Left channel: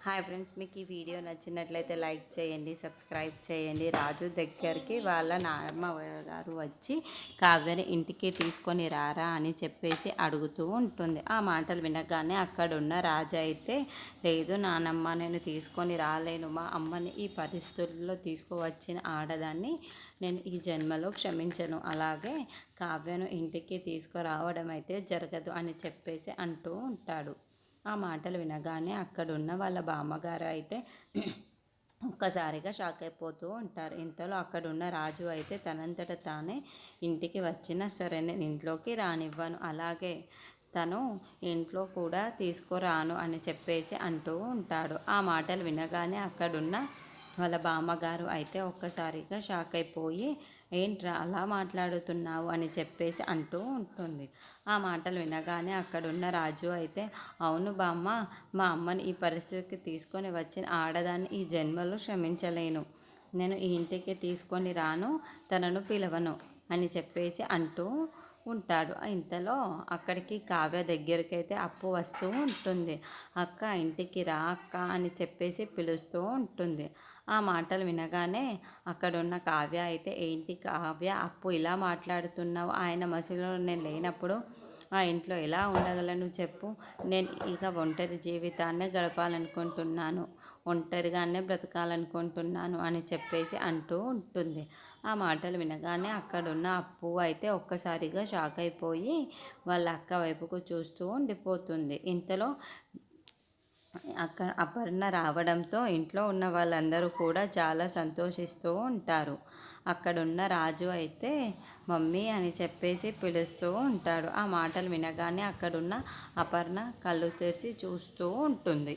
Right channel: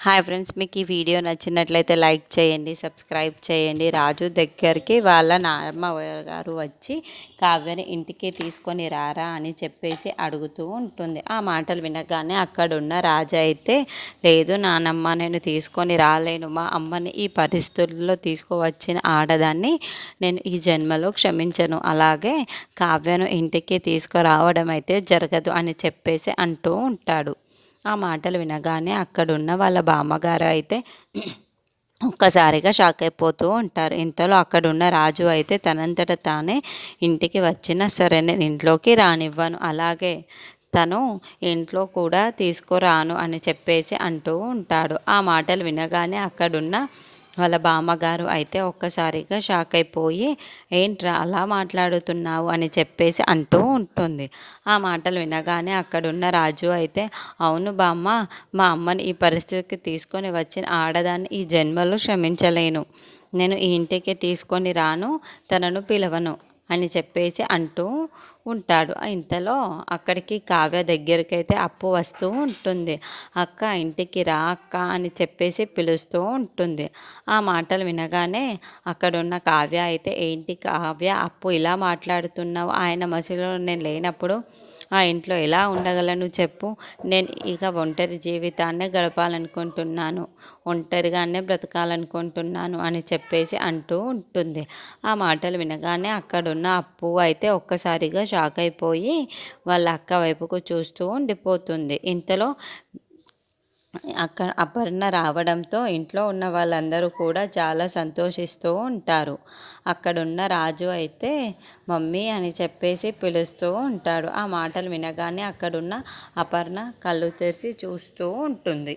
Hi friends, మీకు ఈ video నచ్చినట్లయితే లైక్ చేయండి, సబ్స్క్రైబ్ చేయండి. రాజు దగ్గరికి వాళ్ళ నాన్నమ్మ గారు వచ్చి కావ్యని ఇంటికి తీసుకొని రారా అని చెప్పేసి అడుగుతూ ఉంటుంది. ఆ మాటలు వినగానే అక్కడున్న రాజు అయితే, లేదు నానమ్మ, నేను తీసుకొని రాలేను. మా అమ్మని ఈ పరిస్థితుల్లో తీసుకువచ్చిన ఆడదాన్ని నేను ఈ జన్మలో క్షమించను. అలాగే కావ్యను ఇంటికి తీసుకురావడం అయితే జరగదు అని చెప్పేసి అంటూ ఉంటాడు. ఆ మాటలు వినగానే అక్కడున్న వాళ్ళ బామ్మగారు అయితే ఒక్కసారిగా షాక్ అయిపోతూ ఉంటారు. ఇంతలో అక్కడున్న రాజు అయితే తనంతట తానే ఇంటికి వచ్చినా సరే నేను ఇంట్లోకి రానివ్వను, అలాగే తను ఇంట్లో కూడా తీసుకురాను అని చెప్పేసి అంటూ ఉంటాడు. ఆ మాటలు వినగానే అక్కడున్న వాళ్ళ బామ్మగారు అయితే ఒక్కసారిగా షాక్ అయిపోయి, ఏంట్రా అలా మాట్లాడుతున్నావు అని చెప్పేసి అంటూ ఉంటుంది. ఆ మాటలు వినగానే అక్కడున్న రాజు అయితే, అవును బామ్మ, మా అమ్మని ఈ పరిస్థితికి తీసుకొని వచ్చిన ఆడదాన్ని ఈ జన్మలో క్షమించలేను. నేను ఈ ఇంటికి తీసుకొని రాను, తనను పిలవను అని చెప్పేసి అంటూ ఉంటాడు. ఇంతలో అక్కడికి కావ్య దగ్గరికైతే అప్పు వస్తూ ఉంటుంది. అక్క, ఇంటికి రా అక్క అని చెప్పేసి పిలుస్తూ ఉంటుంది. ఆ మాటలు వినగానే అక్కడున్న కావ్య అయితే, ఏంటి కావ్య, అప్పు ఇలా మాట్లాడుతున్నావు? ఆయన మసిలో నేను లేనప్పుడు ఆ ఇంట్లో ఎలా ఉండగలను చెప్పు. నేను ఇక ఒంటరి జీవితాన్నే గడపాలనుకుంటున్నాను, ఒంటరిగానే బ్రతకాలనుకుంటున్నాను అని చెప్పేసి అంటూ ఉంటుంది. ఆ మాటలు వినగానే అక్కడున్న అప్పు అయితే ఒక్కసారిగా షాక్ అయిపోయి వాళ్ళ అక్క వైపుకు చూస్తూ ఉండిపోతుంది. ఇంతలో అపర్ణ రావడంతో ఇంట్లో ఉన్న వాళ్ళందరూ కూడా చాలా సంతోషిస్తూ ఉంటారు. అక్కడున్న రాజు అయితే మమ్మీ అని చెప్పేసి పిలుస్తూ ఉంటాడు. ఆ మాటలు వినగానే అక్కడున్న అపర్ణ కళ్ళు తెరిచి చూస్తూ ఉంటుంది.